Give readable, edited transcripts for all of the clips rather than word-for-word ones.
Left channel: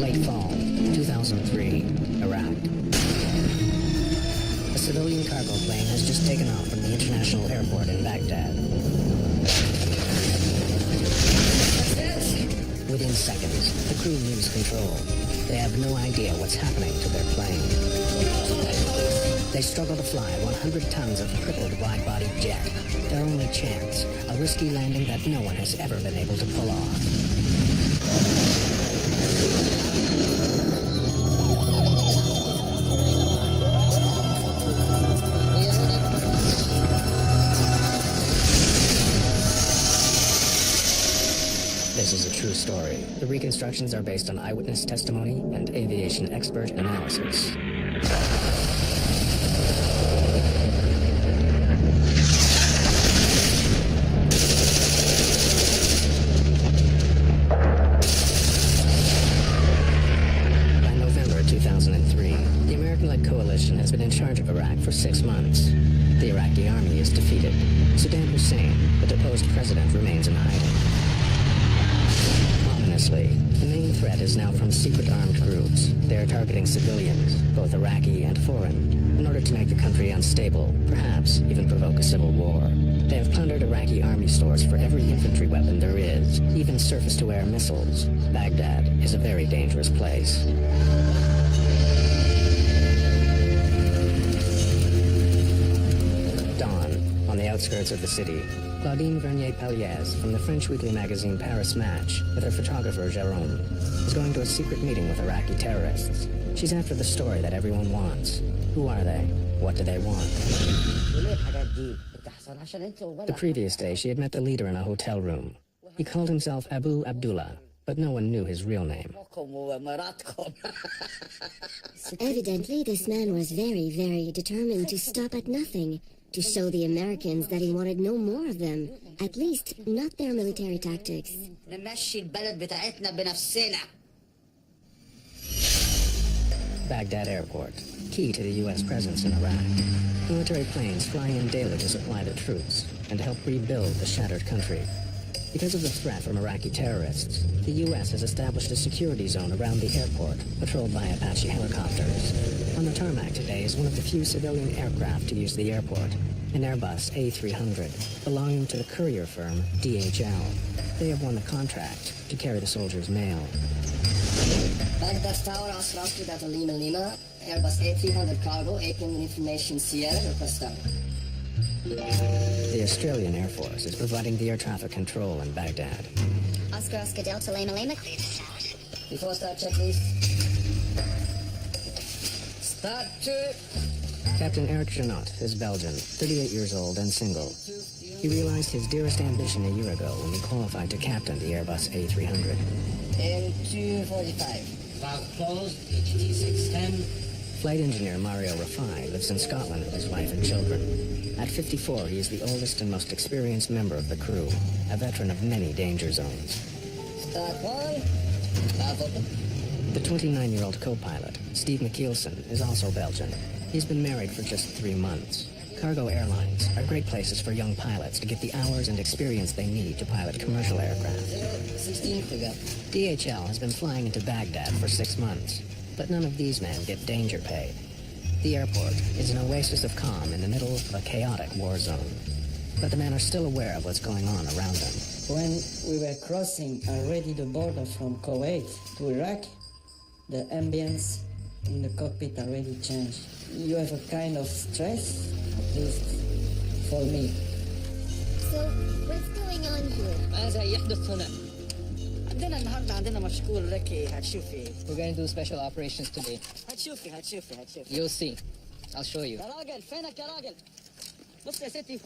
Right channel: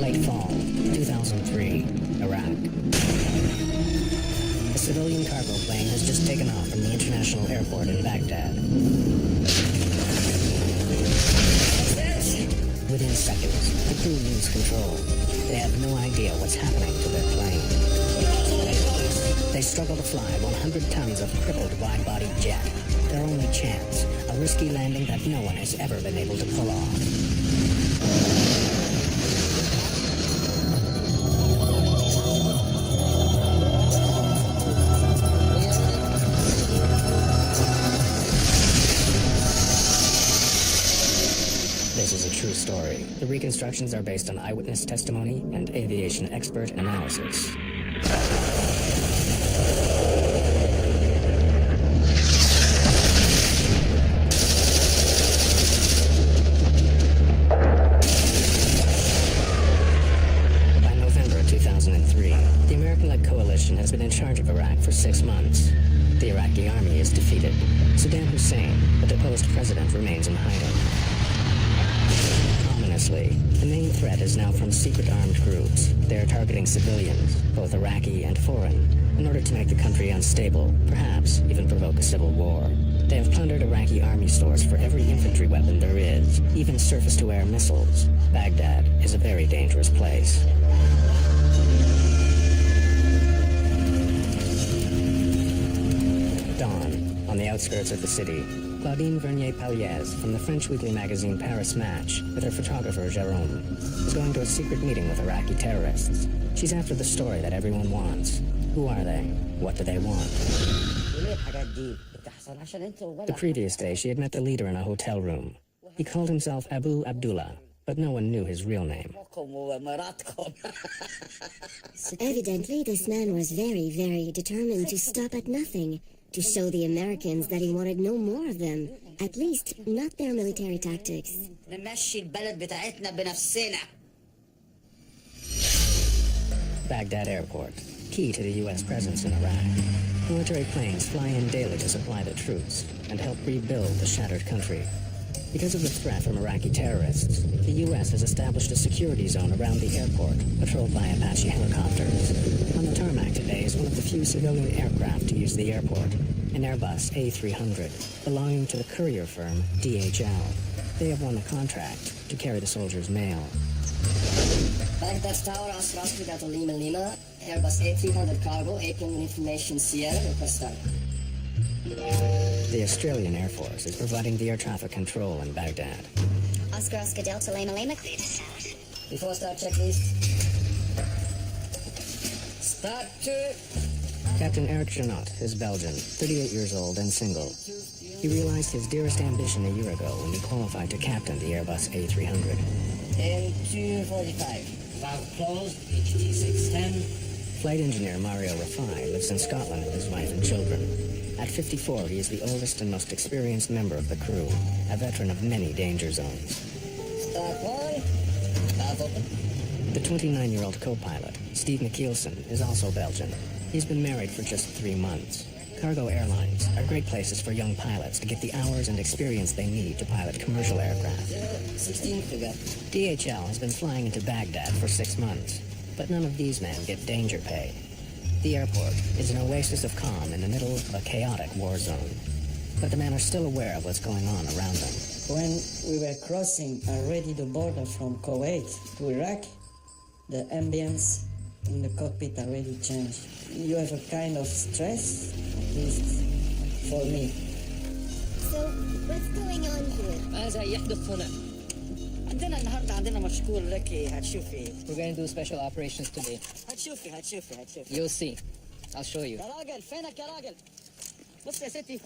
Late fall, 2003, Iraq. A civilian cargo plane has just taken off from the international airport in Baghdad. Within seconds, the crew lose control. They have no idea what's happening to their plane. They struggle to fly 100 tons of crippled wide-body jet. Their only chance, a risky landing that no one has ever been able to pull off. This is a true story. The reconstructions are based on eyewitness testimony and aviation expert analysis. By November 2003, the American-led coalition has been in charge of Iraq for 6 months. The Iraqi army is defeated. Saddam Hussein, the deposed president, remains in hiding. Ominously, the main threat is now from secret armed groups. They are targeting civilians, both Iraqi and foreign, in order to make the country unstable, perhaps even provoke a civil war. They have plundered Iraqi army stores for every infantry weapon there is, even surface-to-air missiles. Baghdad is a very dangerous place. Dawn, on the outskirts of the city, Claudine Vernier-Paliez from the French weekly magazine Paris Match, with her photographer Jérôme, is going to a secret meeting with Iraqi terrorists. She's after the story that everyone wants. Who are they? What do they want? The previous day, she had met the leader in a hotel room. He called himself Abu Abdullah, but no one knew his real name. Evidently, this man was very, very determined to stop at nothing, to show the Americans that he wanted no more of them, at least not their military tactics. Baghdad Airport, key to the U.S. presence in Iraq. Military planes fly in daily to supply the troops and help rebuild the shattered country. Because of the threat from Iraqi terrorists, the U.S. has established a security zone around the airport, patrolled by Apache helicopters. On the tarmac today is one of the few civilian aircraft to use the airport, an Airbus A300, belonging to the courier firm DHL. They have won the contract to carry the soldiers' mail. Baghdad Tower, Oscar Data Lima Lima, Airbus A300 cargo, April Information Sierra, requested. The Australian Air Force is providing the air traffic control in Baghdad. Oscar Delta Lima Lima, clear to south. Before start checklist. Start to... Captain Eric Janot is Belgian, 38 years old and single. He realized his dearest ambition a year ago when he qualified to captain the Airbus A300. And 245. Valve closed, HT 610. Flight engineer Mario Rafai lives in Scotland with his wife and children. At 54, he is the oldest and most experienced member of the crew, a veteran of many danger zones. Start one. Valve open. The 29-year-old co-pilot, Steve McKeelson, is also Belgian. He's been married for just 3 months. Cargo airlines are great places for young pilots to get the hours and experience they need to pilot commercial aircraft. 016 Kruger. DHL has been flying into Baghdad for 6 months, but none of these men get danger pay. The airport is an oasis of calm in the middle of a chaotic war zone. But the men are still aware of what's going on around them. When we were crossing already the border from Kuwait to Iraq, the ambience in the cockpit already changed. You have a kind of stress, at least for me. So, what's going on here? ماذا يحدث هنا؟ عندنا النهارده عندنا مشكور لك هتشوفي. We're going to do special operations today. هتشوفي. You'll see. I'll show you. يا راجل فينك يا راجل؟ بص يا ستي.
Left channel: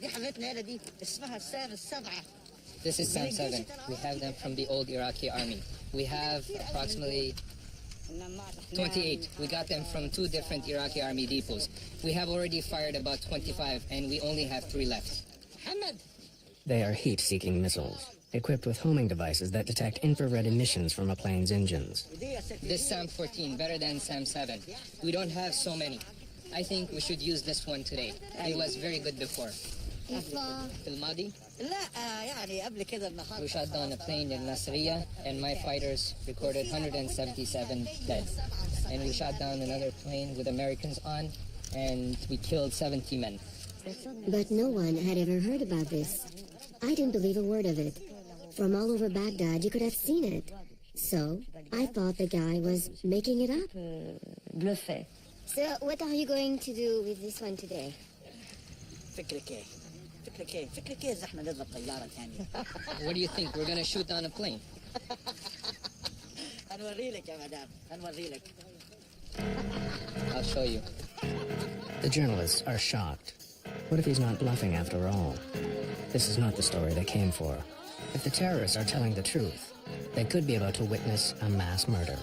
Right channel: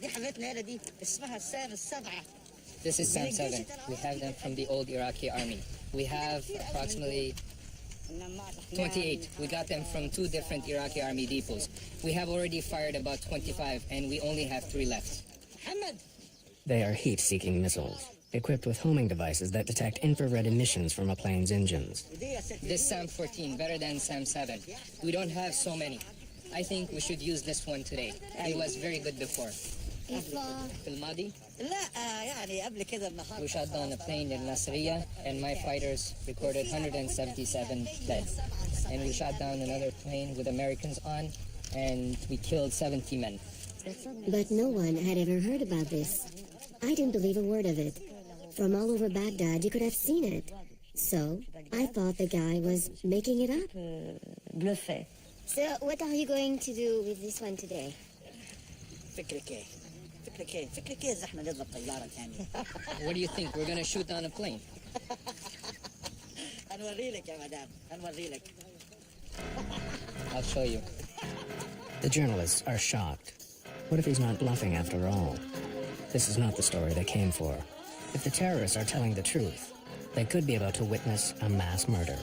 دي حاجتنا هنا دي اسمها السام السبعة. This is SAM 7. We have them from the old Iraqi army. We have approximately 28. We got them from 2 different Iraqi army depots. We have already fired about 25, and we only have 3 left. They are heat-seeking missiles, equipped with homing devices that detect infrared emissions from a plane's engines. This SAM 14, better than SAM 7. We don't have so many. I think we should use this one today. It was very good before. في الماضي لا يعني قبل كده النهارده we shot down a plane in S03E02 and my fighters recorded 177 dead. And we shot down another plane with Americans on and we killed 70 men. But no one had ever heard about this. I didn't believe a word of it. From all over Baghdad, you could have seen it. So, I thought the guy was making it up. بلوفي. So, what are you going to do with this one today? فكرك ايه إذا احنا نضرب طيارة ثانية. What do you think? We're gonna shoot down a plane. هنوري لك يا مدام هنوري لك. I'll show you. The journalists are shocked. What if he's not bluffing after all? This is not the story they came for. If the terrorists are telling the truth, they could be about to witness a mass murder.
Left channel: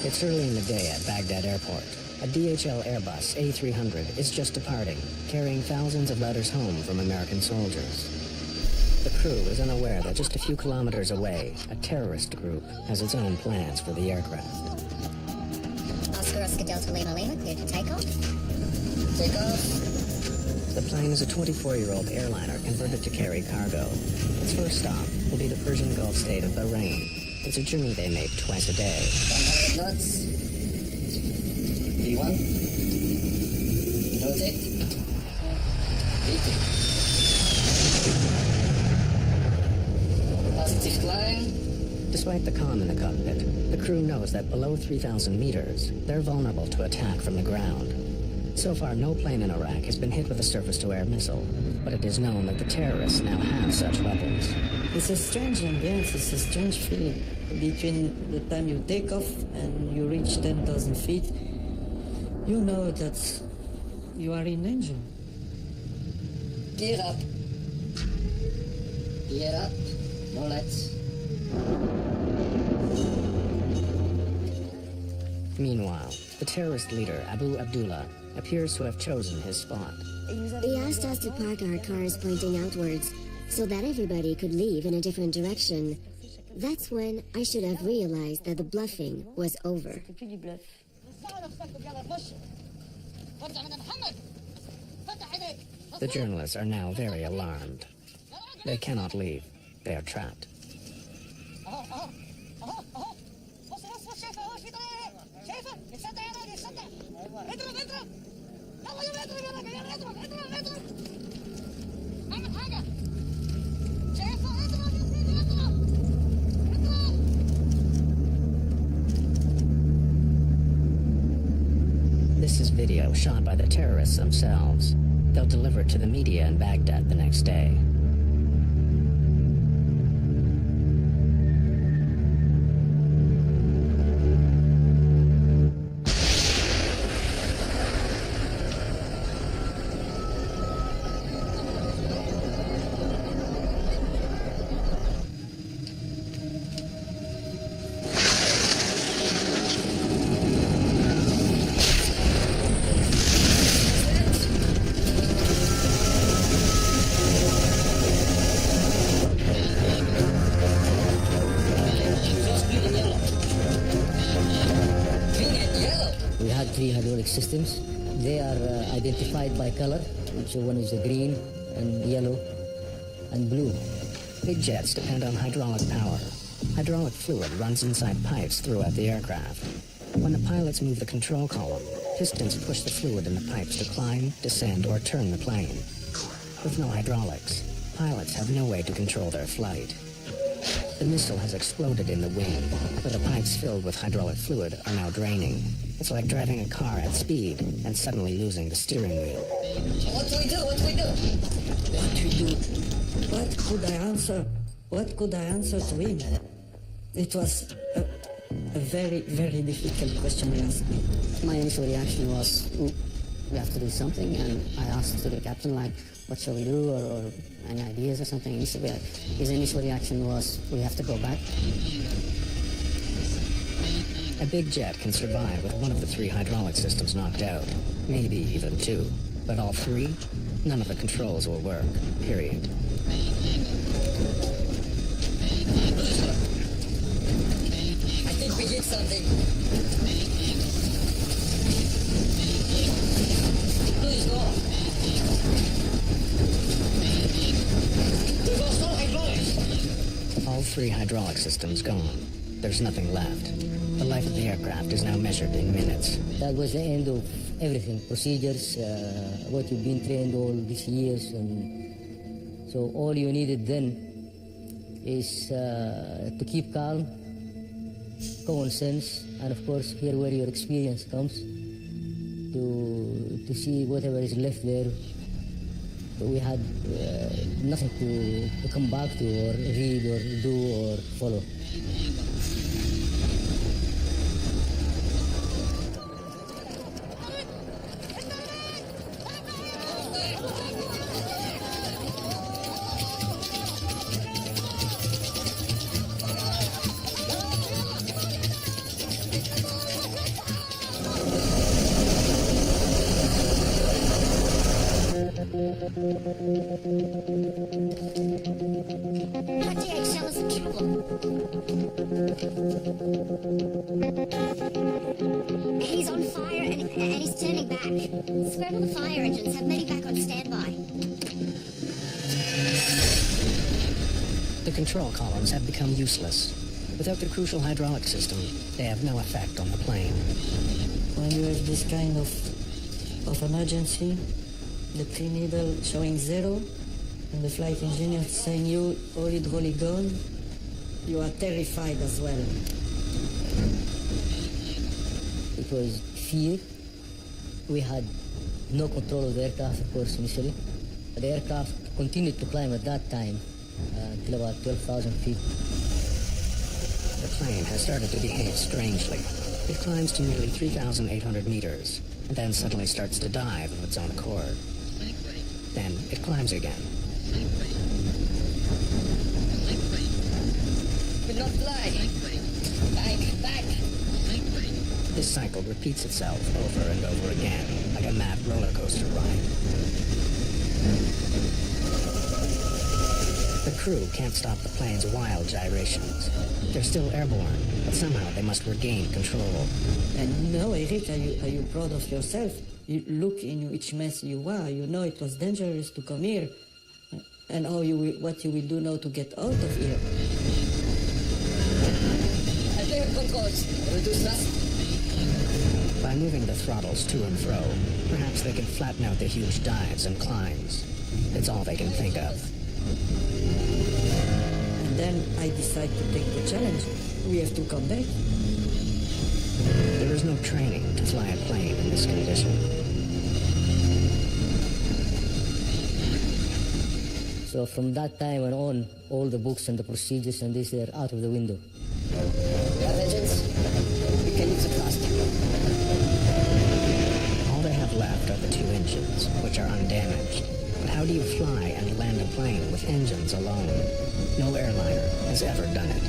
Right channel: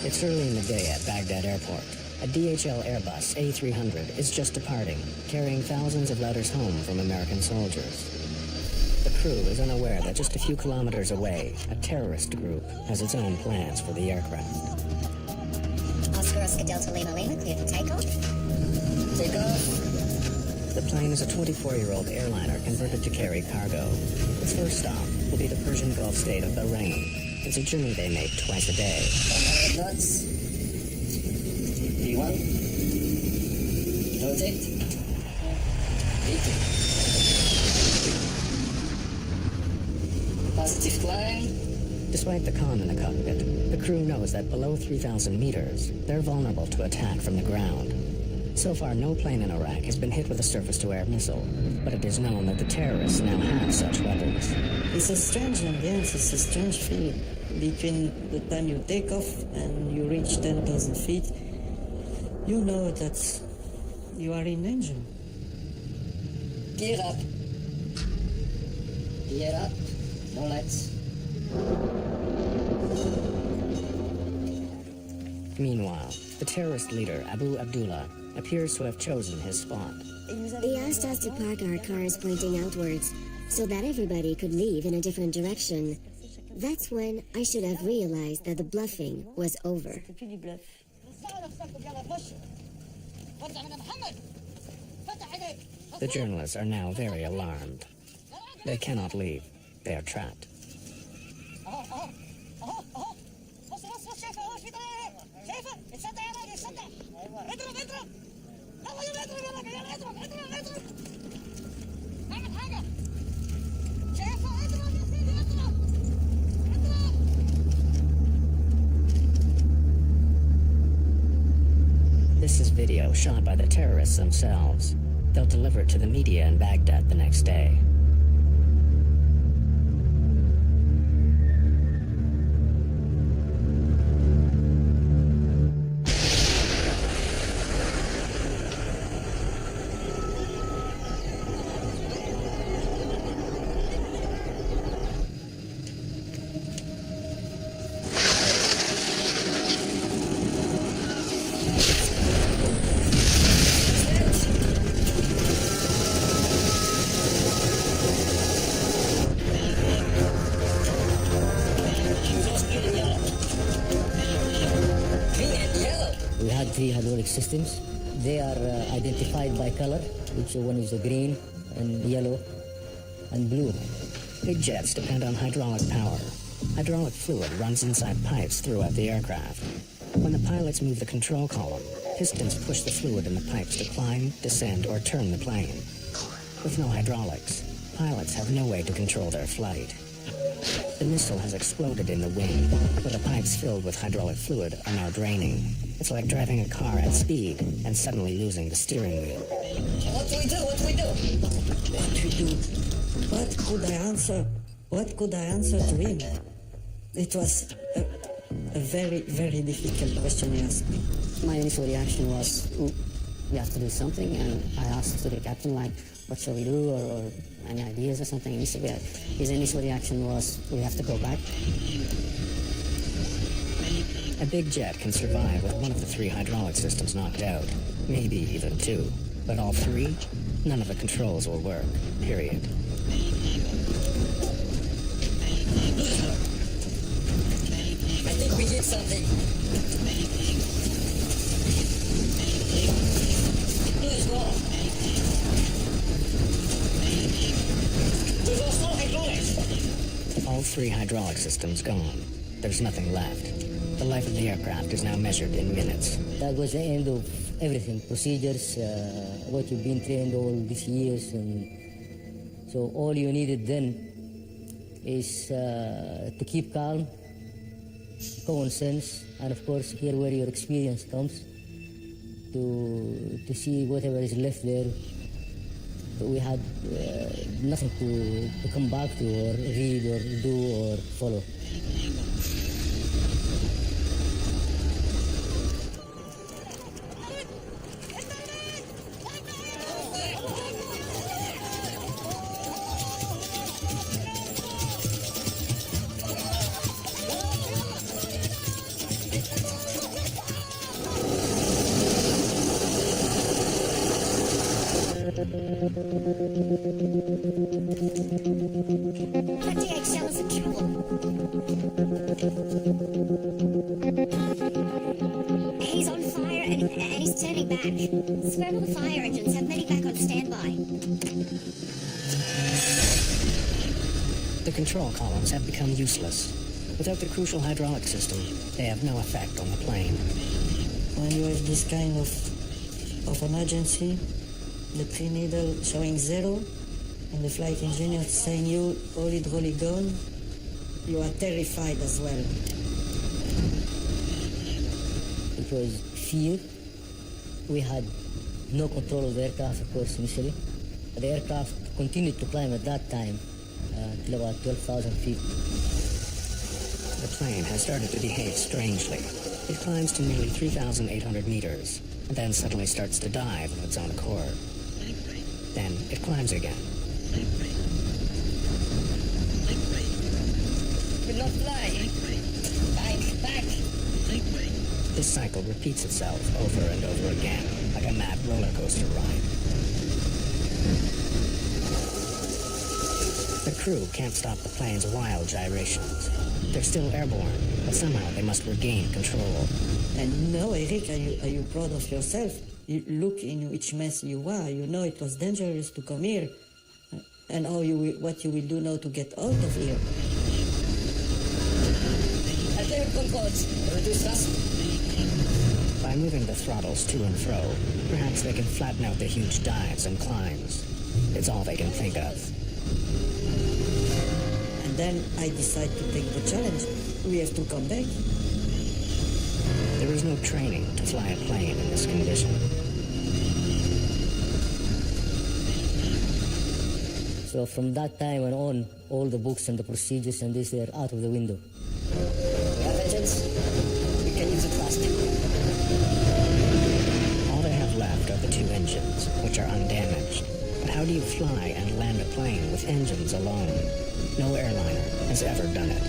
It's early in the day at Baghdad Airport. A DHL Airbus A300 is just departing, carrying thousands of letters home from American soldiers. The crew is unaware that just a few kilometers away, a terrorist group has its own plans for the aircraft. Oscar Delta Lima Lima, cleared for takeoff. Take off. The plane is a 24-year-old airliner converted to carry cargo. Its first stop will be the Persian Gulf state of Bahrain. It's a journey they make twice a day. 100 knots. V1. Rotate. V2. Positive climb. Despite the calm in the cockpit, the crew knows that below 3,000 meters, they're vulnerable to attack from the ground. So far, no plane in Iraq has been hit with a surface-to-air missile, but it is known that the terrorists now have such weapons. It's a strange ambience, it's a strange feeling. Between the time you take off and you reach 10,000 feet, you know that you are in danger. Gear up. Gear up. No lights. Meanwhile, the terrorist leader, Abu Abdullah, appears to have chosen his spot. He asked us to park our cars pointing outwards so that everybody could leave in a different direction. That's when I should have realized that the bluffing was over. The journalists are now very alarmed. They cannot leave. They are trapped. This is video shot by the terrorists themselves. They'll deliver it to the media in Baghdad the next day. We had 3 hydraulic systems. They are identified by color, which one is the green and yellow and blue. Big jets depend on hydraulic power. Hydraulic fluid runs inside pipes throughout the aircraft. When the pilots move the control column, pistons push the fluid in the pipes to climb, descend, or turn the plane. With no hydraulics, pilots have no way to control their flight. The missile has exploded in the wing, but the pipes filled with hydraulic fluid are now draining. It's like driving a car at speed and suddenly losing the steering wheel. What do we do? What do we do? What we do? What could I answer? What could I answer to him? It was a very, very difficult question he asked me. My initial reaction was, we have to do something, and I asked to the captain, like, what shall we do, or any ideas or something. And his initial reaction was, we have to go back. A big jet can survive with one of the 3 hydraulic systems knocked out, maybe even 2. But all 3? None of the controls will work, period. I think we hit something. Please go off. We've lost all hydraulics. All 3 hydraulic systems gone. There's nothing left. The life of the aircraft is now measured in minutes. That was the end of everything, procedures, what you've been trained all these years, and so all you needed then is to keep calm, common sense, and of course here where your experience comes, to see whatever is left there. We had nothing to come back to or read or do or follow. That DHL is in trouble. He's on fire and he's turning back. Swear all the fire engines have many back on standby. The control columns have become useless. Without the crucial hydraulic system, they have no effect on the plane. When you have this kind of emergency, the clean needle showing 0, and the flight engineer saying you all hydraulic gone, you are terrified as well. It was fear. We had no control of the aircraft, of course, initially. The aircraft continued to climb at that time till about 12,000 feet. The plane has started to behave strangely. It climbs to nearly 3,800 meters, and then suddenly starts to dive of its own accord. Then it climbs again. Will not fly. Back. This cycle repeats itself over and over again, like a mad roller coaster ride. The crew can't stop the plane's wild gyrations. They're still airborne, but somehow they must regain control. And now, Eric, are you proud of yourself? You look in which mess you are. You know it was dangerous to come here. And what you will do now to get out of here. I play with controls. Reduce thrust. By moving the throttles to and fro, perhaps they can flatten out the huge dives and climbs. It's all they can think of. And then I decide to take the challenge. We have to come back. There is no training to fly a plane in this condition. So from that time on, all the books and the procedures and this, they're out of the window. We have engines. We can use it fast. All they have left are the 2 engines, which are undamaged. But how do you fly and land a plane with engines alone? No airliner has ever done it.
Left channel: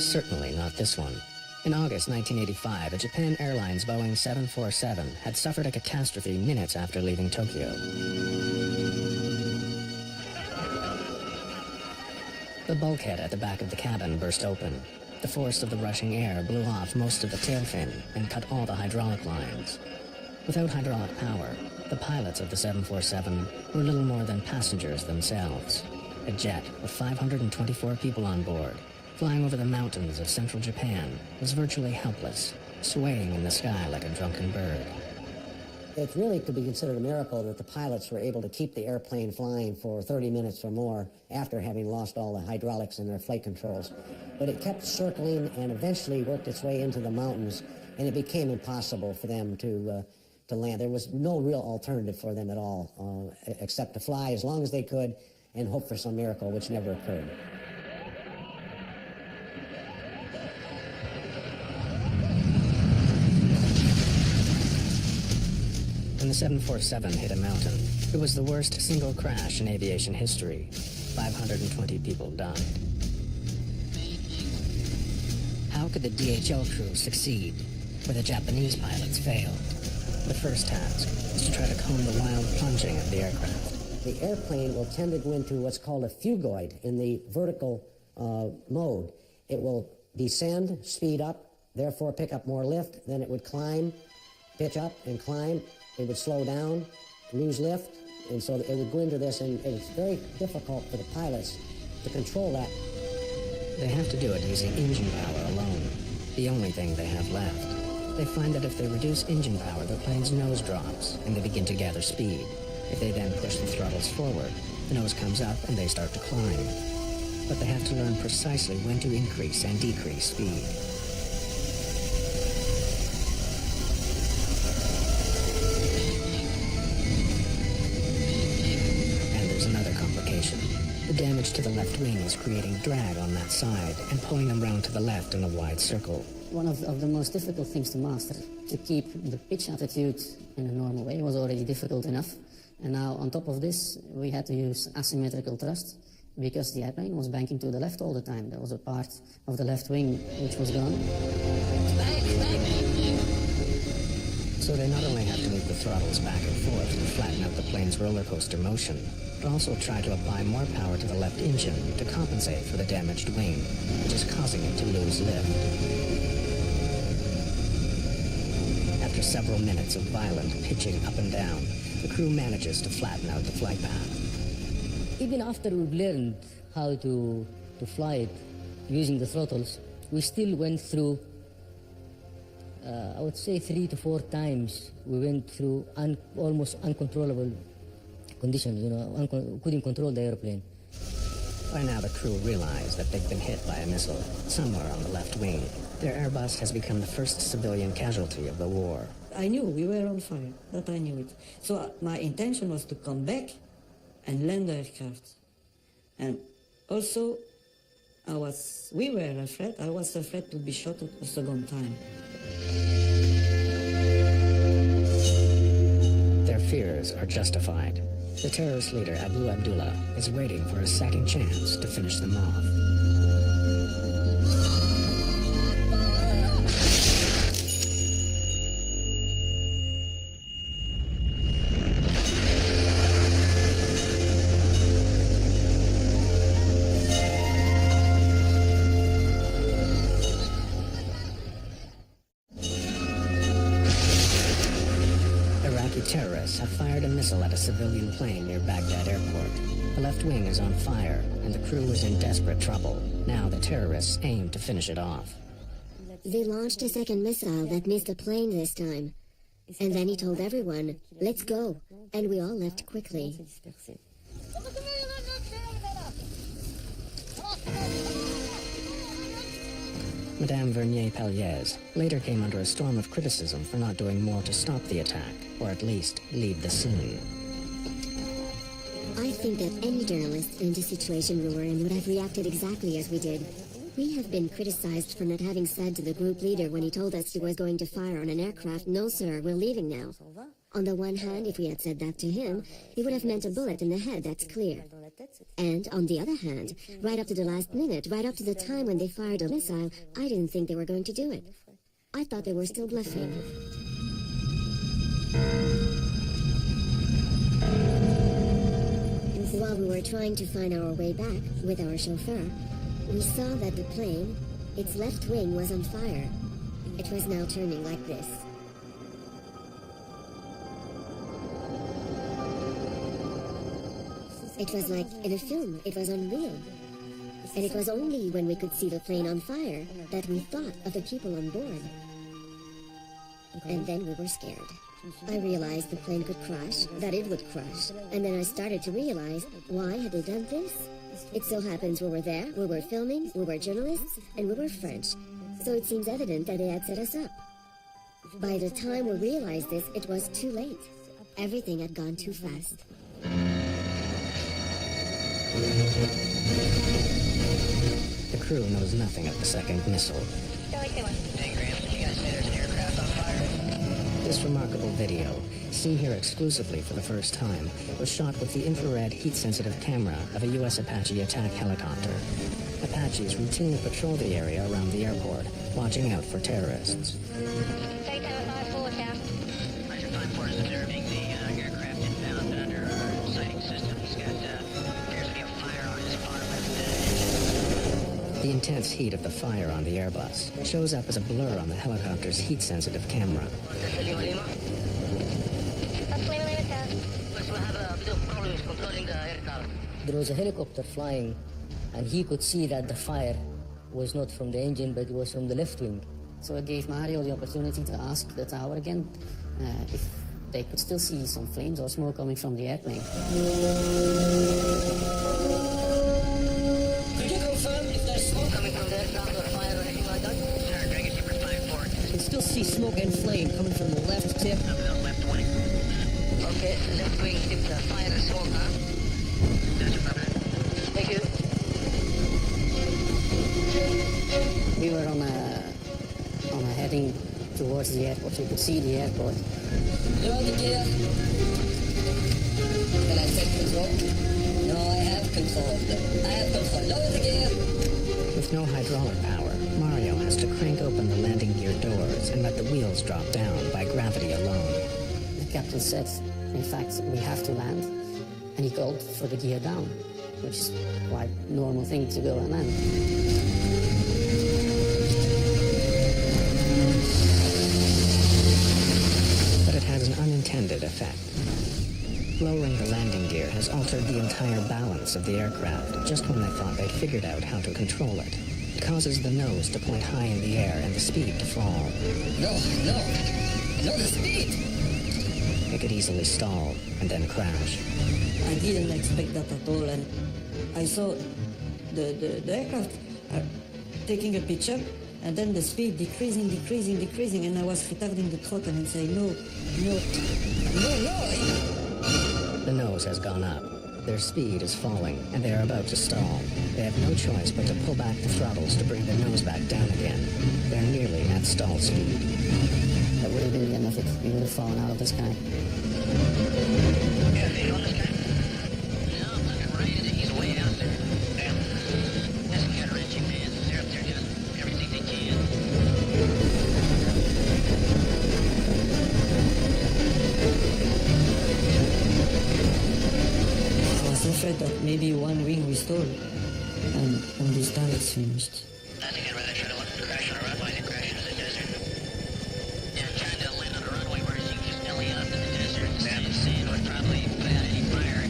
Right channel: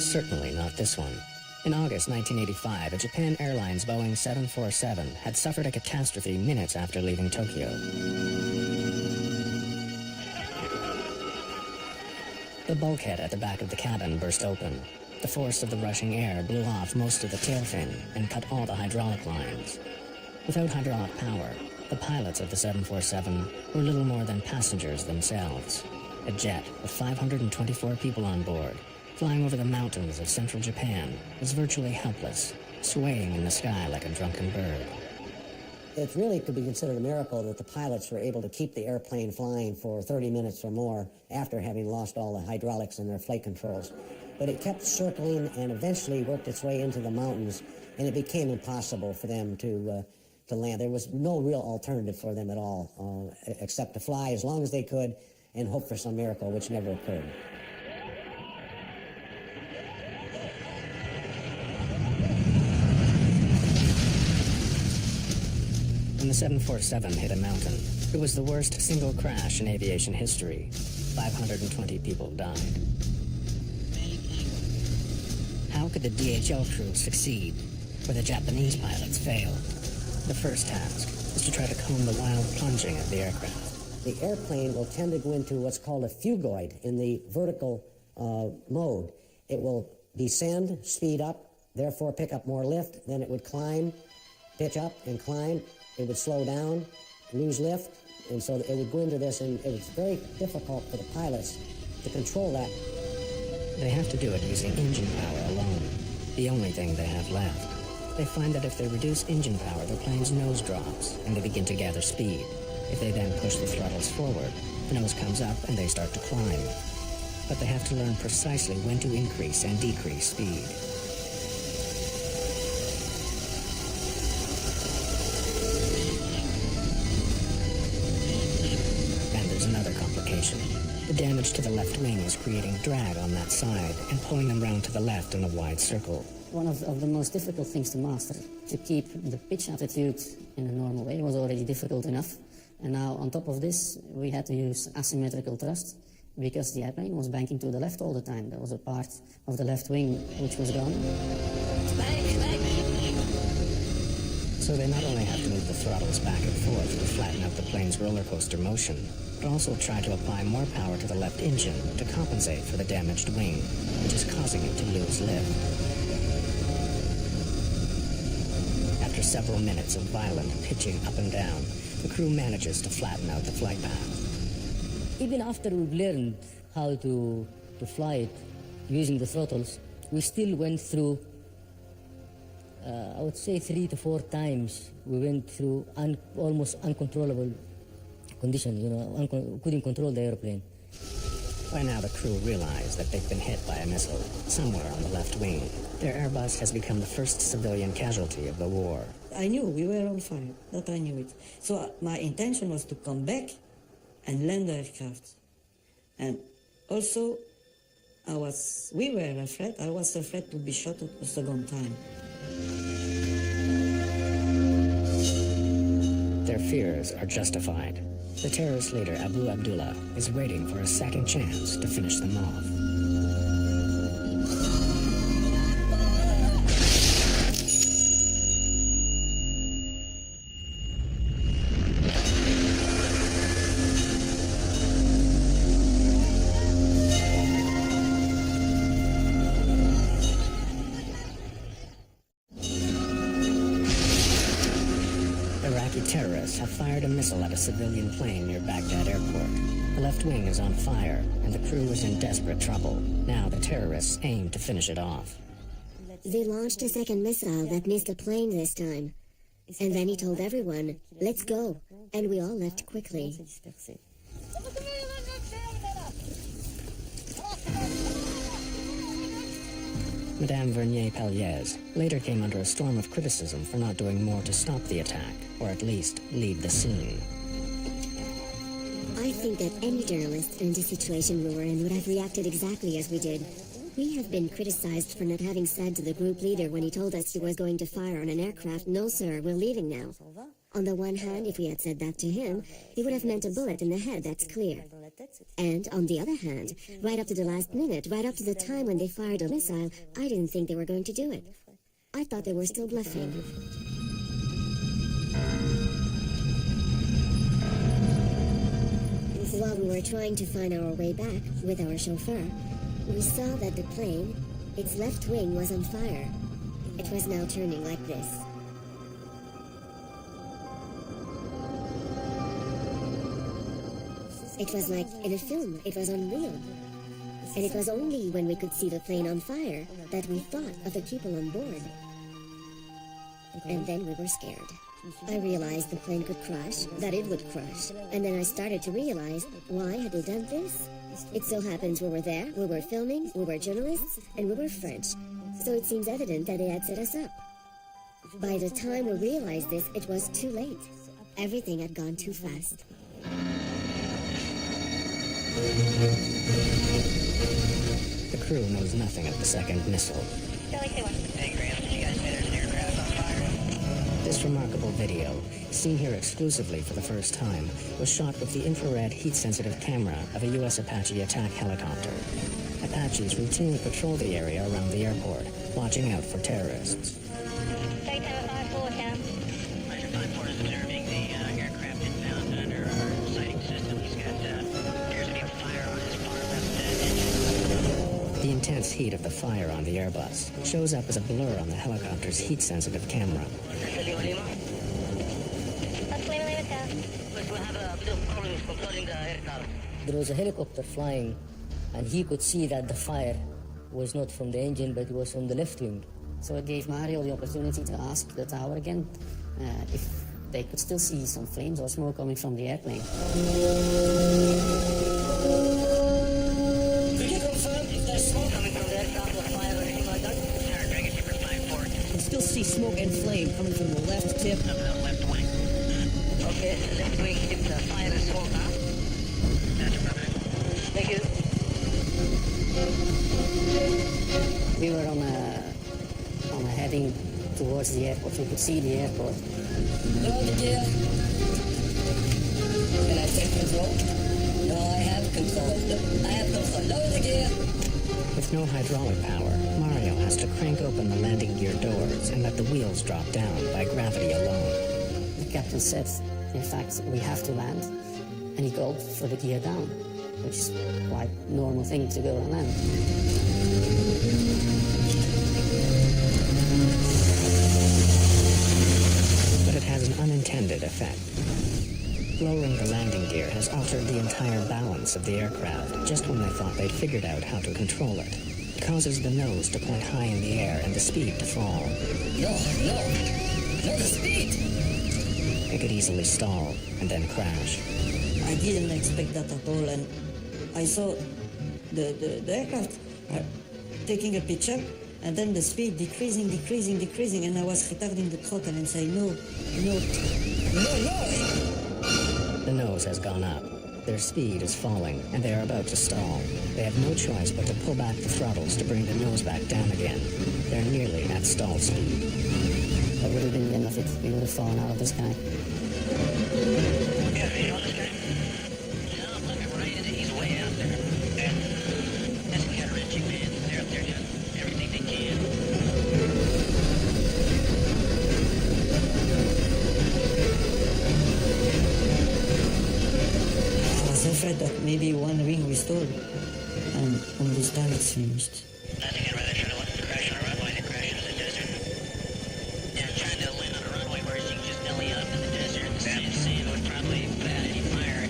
Certainly not this one. In August 1985, a Japan Airlines Boeing 747 had suffered a catastrophe minutes after leaving Tokyo. The bulkhead at the back of the cabin burst open. The force of the rushing air blew off most of the tail fin and cut all the hydraulic lines. Without hydraulic power, the pilots of the 747 were little more than passengers themselves. A jet with 524 people on board, flying over the mountains of central Japan, was virtually helpless, swaying in the sky like a drunken bird. It really could be considered a miracle that the pilots were able to keep the airplane flying for 30 minutes or more after having lost all the hydraulics in their flight controls. But it kept circling and eventually worked its way into the mountains, and it became impossible for them to land. There was no real alternative for them at all, except to fly as long as they could and hope for some miracle, which never occurred. When the 747 hit a mountain, it was the worst single crash in aviation history. 520 people died. How could the DHL crew succeed where the Japanese pilots failed? The first task is to try to comb the wild plunging of the aircraft. The airplane will tend to go into what's called a phugoid in the vertical mode. It will descend, speed up, therefore pick up more lift, then it would climb, pitch up and climb, it would slow down, lose lift, and so it would go into this, and it was very difficult for the pilots to control that. They have to do it using engine power alone, the only thing they have left. They find that if they reduce engine power, the plane's nose drops, and they begin to gather speed. If they then push the throttles forward, the nose comes up and they start to climb. But they have to learn precisely when to increase and decrease speed. And there's another complication. The damage to the left wing is creating drag on that side and pulling them round to the left in a wide circle. One of the most difficult things to master, to keep the pitch attitude in a normal way, was already difficult enough. And now, on top of this, we had to use asymmetrical thrust because the airplane was banking to the left all the time. There was a part of the left wing which was gone. So they not only have to move the throttles back and forth to flatten out the plane's roller coaster motion, but also try to apply more power to the left engine to compensate for the damaged wing, which is causing it to lose lift. After several minutes of violent pitching up and down, the crew manages to flatten out the flight path. Even after we've learned how to fly it using the throttles, we still went through, I would say 3 to 4 times, we went through almost uncontrollable conditions, couldn't control the airplane. By now the crew realize that they've been hit by a missile somewhere on the left wing. Their Airbus has become the first civilian casualty of the war. I knew we were on fire, that I knew it. So my intention was to come back and land the aircraft. And also, we were afraid, I was afraid to be shot at a second time. Their fears are justified. The terrorist leader, Abu Abdullah, is waiting for a second chance to finish them off. Iraqi terrorists have fired a missile at a civilian plane near Baghdad airport. The left wing is on fire, and the crew is in desperate trouble. Now the terrorists aim to finish it off. They launched a second missile that missed the plane this time. And then he told everyone, "Let's go," and we all left quickly. Madame Vernier-Pelliez later came under a storm of criticism for not doing more to stop the attack, or at least leave the scene. I think that any journalist in the situation we were in would have reacted exactly as we did. We have been criticized for not having said to the group leader when he told us he was going to fire on an aircraft, "No, sir, we're leaving now." On the one hand, if we had said that to him, he would have meant a bullet in the head, that's clear. And on the other hand, right up to the last minute, right up to the time when they fired a missile, I didn't think they were going to do it. I thought they were still bluffing. While we were trying to find our way back with our chauffeur, we saw that the plane, its left wing was on fire. It was now turning like this. It was like in a film. It was unreal. And it was only when we could see the plane on fire that we thought of the people on board. And then we were scared. I realized the plane could crash, that it would crash. And then I started to realize, why had they done this? It so happens we were there, we were filming, we were journalists, and we were French. So it seems evident that they had set us up. By the time we realized this, it was too late. Everything had gone too fast. The crew knows nothing of the second missile. Charlie, say one. Hey, Graham, did you guys say there's an aircraft on fire? This remarkable video, seen here exclusively for the first time, was shot with the infrared heat-sensitive camera of a U.S. Apache attack helicopter. Apaches routinely patrol the area around the airport, watching out for terrorists. Take tower 5-4, Cap. Roger, 5-4 is observing the aircraft inbound under our sighting system. He's got, appears to be a fire on his far left engine. The intense heat of the fire on the Airbus shows up as a blur on the helicopter's heat-sensitive camera. There was a helicopter flying, and he could see that the fire was not from the engine, but it was from the left wing. So it gave Mario the opportunity to ask the tower again if they could still see some flames or smoke coming from the airplane. Could you confirm if there's smoke coming from the aircraft or fire or anything like that? Tower Dragon Skipper 5-4. You can still see smoke and flame coming from the left tip. Of the left wing. Okay, left wing tip, fire and smoke, huh? That's affirmative. Thank you. We were on a heading towards the airport. We could see the airport. Lower the gear. Can I take control? No, I have control. I have control. Lower the gear. With no hydraulic power, Mario has to crank open the landing gear doors and let the wheels drop down by gravity alone. The captain said, in fact, we have to land, and he called for the gear down, which is quite a normal thing to go and land. But it has an unintended effect. Lowering the landing gear has altered the entire balance of the aircraft just when they thought they'd figured out how to control it. It causes the nose to point high in the air and the speed to fall. No, the speed! It could easily stall and then crash. I didn't expect that at all, and I saw the aircraft taking a pitch up, and then the speed decreasing, and I was retarding the throttle and saying, no. The nose has gone up. Their speed is falling, and they are about to stall. They have no choice but to pull back the throttles to bring the nose back down again. They're nearly at stall speed. That would have been the end of it. We would have fallen out of the sky. Yeah, visual on this guy? No, I'm looking right at it. He's way out there. Yeah. That's gut-wrenching, man. They're up there doing everything they can. I was afraid that maybe one wing we stole, and this time it's finished. I think I'd rather try to crash on a runway than crash into the desert. Yeah, trying to land on a runway where you can just belly up in the desert and the sand would probably put out any fire.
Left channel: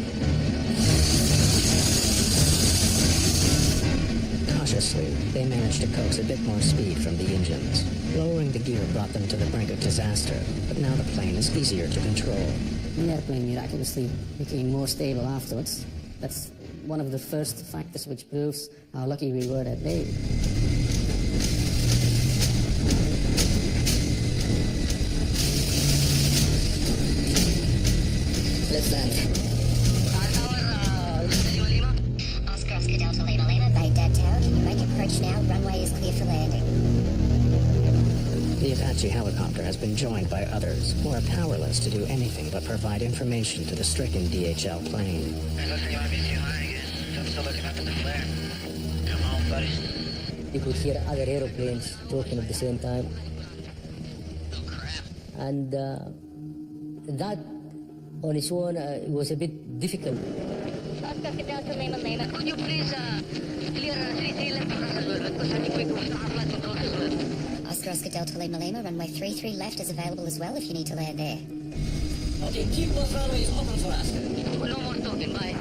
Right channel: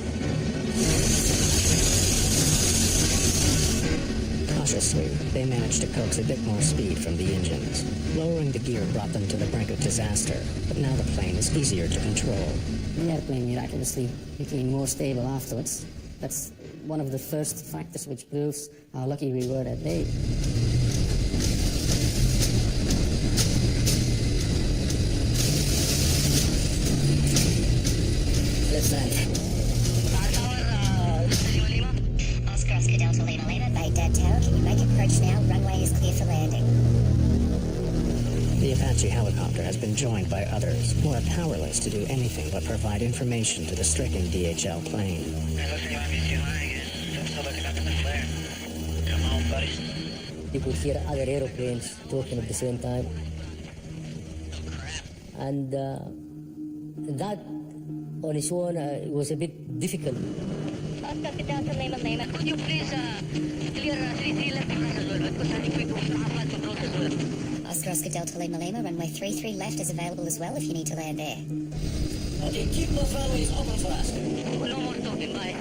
Cautiously, they managed to coax a bit more speed from the engines. Lowering the gear brought them to the brink of disaster, but now the plane is easier to control. The airplane miraculously became more stable afterwards. That's one of the first factors which proves how lucky we were that day. Let's land. Oscar Delta Lima Lima, Baghdad Tower. Can you make approach now? Runway is clear for landing. The Apache helicopter has been joined by others who are powerless to do anything but provide information to the stricken DHL plane. It looks like you might be too high again. I'm still looking up in the flare. Come on, buddy. You could hear other aeroplanes talking at the same time. Oh, crap. And that on its own was a bit difficult. Oscar Delta Lima Lima. Could you please clear 33 left for us as well? Because I think we can have flight controls as well. Oscar Delta Lima Lima, runway 33 left is available as well if you need to land there. Okay, keep those runways open for us. No more talking, bye.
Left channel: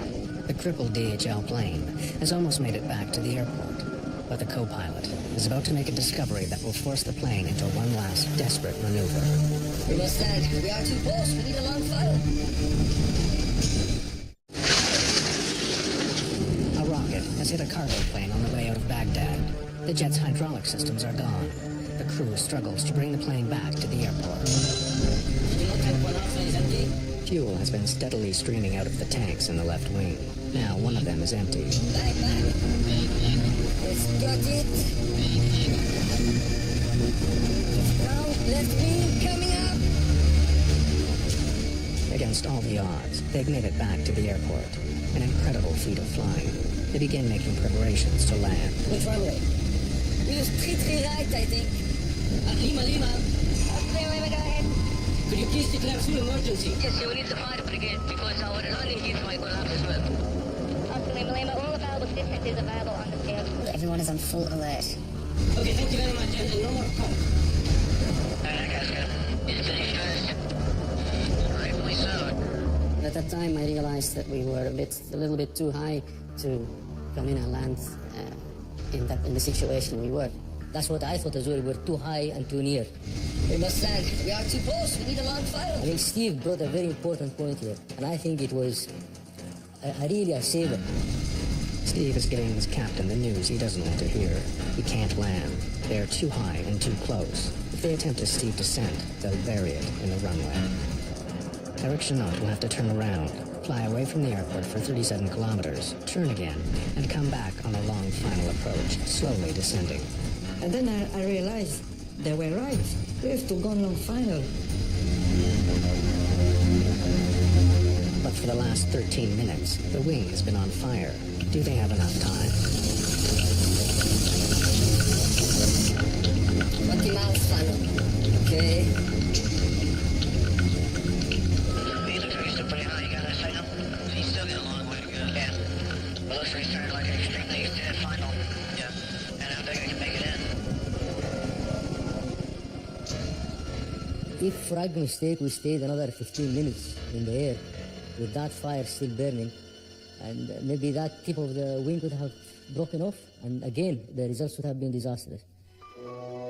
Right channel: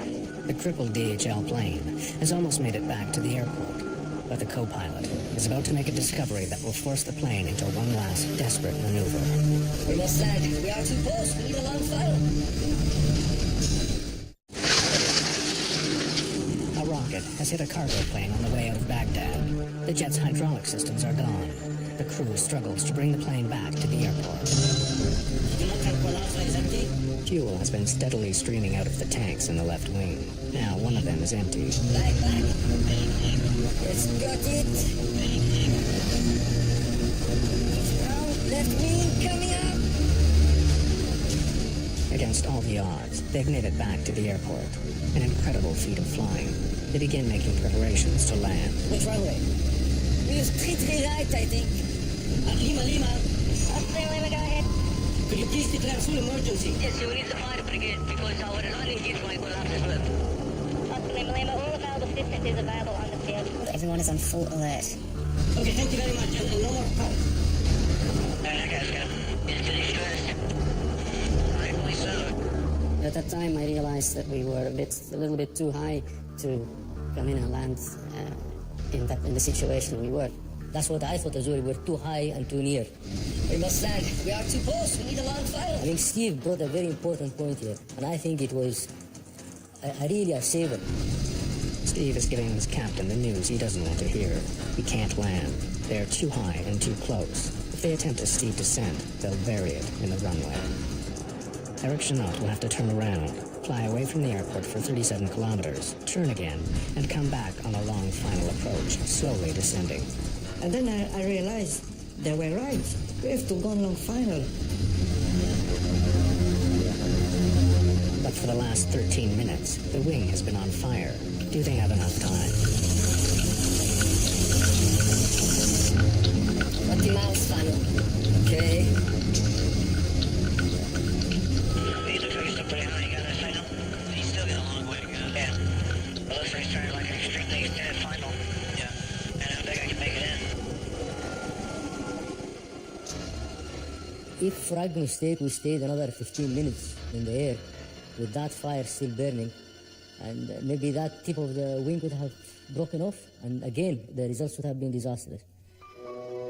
The crippled DHL plane has almost made it back to the airport, but the co-pilot is about to make a discovery that will force the plane into one last desperate maneuver. We must land. We are too close. We need a long final. A rocket has hit a cargo plane on the way out of Baghdad. The jet's hydraulic systems are gone. The crew struggles to bring the plane back to the airport. Did you not think one outside is empty? Fuel has been steadily streaming out of the tanks in the left wing. Now one of them is empty. Back. Let's got it. It's ground. Left wing coming up. Against all the odds, they've made it back to the airport. An incredible feat of flying. They begin making preparations to land. Which runway? We use 33 right, I think. Lima. Lima, go ahead. Could you please declare full emergency? Yes, we need the fire brigade because our landing gears might collapse as well. Oscar Lima Lima, all available assistance is available on the field. Everyone is on full alert. Okay, thank you very much, and no more calls. That guy's good. He's pretty stressed. Rightfully so. At that time, I realized that we were a little bit too high to come in and land in the situation we were. That's what I thought as well. We're too high and too near. We must land. We are too close. We need a long final. I mean, Steve brought a very important point here, and I think it was really a saver. Steve is giving his captain the news he doesn't want to hear. He can't land. They are too high and too close. If they attempt a steep descent, they'll bury it in the runway. Eric Chenot will have to turn around, fly away from the airport for 37 kilometers, turn again, and come back on a long final approach, slowly descending. And then I realized they were right. We have to go on long final. But for the last 13 minutes, the wing has been on fire. Do they have enough time? 20 miles final. Okay. He looks like he's still pretty high. You got that signal? He's still got a long way to go. Yeah. It looks like he's trying like an extremely extended final. Yeah. And I don't think I can make it in. If, for argument's sake, we stayed another 15 minutes in the air with that fire still burning, and maybe that tip of the wing would have broken off, and again, the results would have been disastrous.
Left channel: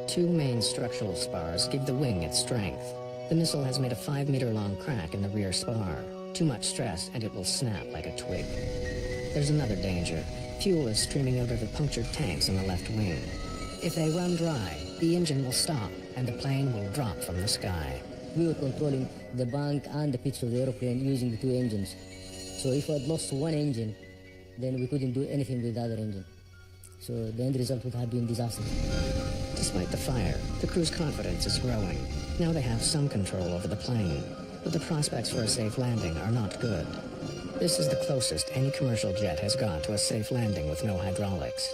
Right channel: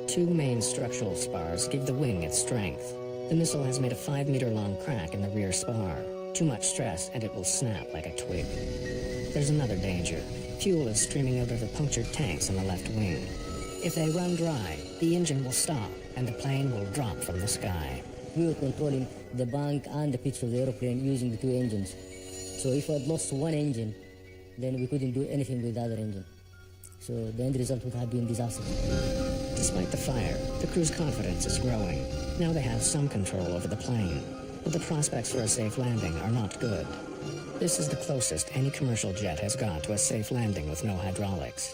Two main structural spars give the wing its strength. The missile has made a 5-meter-long crack in the rear spar. Too much stress, and it will snap like a twig. There's another danger. Fuel is streaming out of the punctured tanks on the left wing. If they run dry, the engine will stop, and the plane will drop from the sky. We were controlling the bank and the pitch of the aeroplane using the two engines. So if we had lost one engine, then we couldn't do anything with the other engine. So the end result would have been disastrous. Despite the fire, the crew's confidence is growing. Now they have some control over the plane, but the prospects for a safe landing are not good. This is the closest any commercial jet has got to a safe landing with no hydraulics.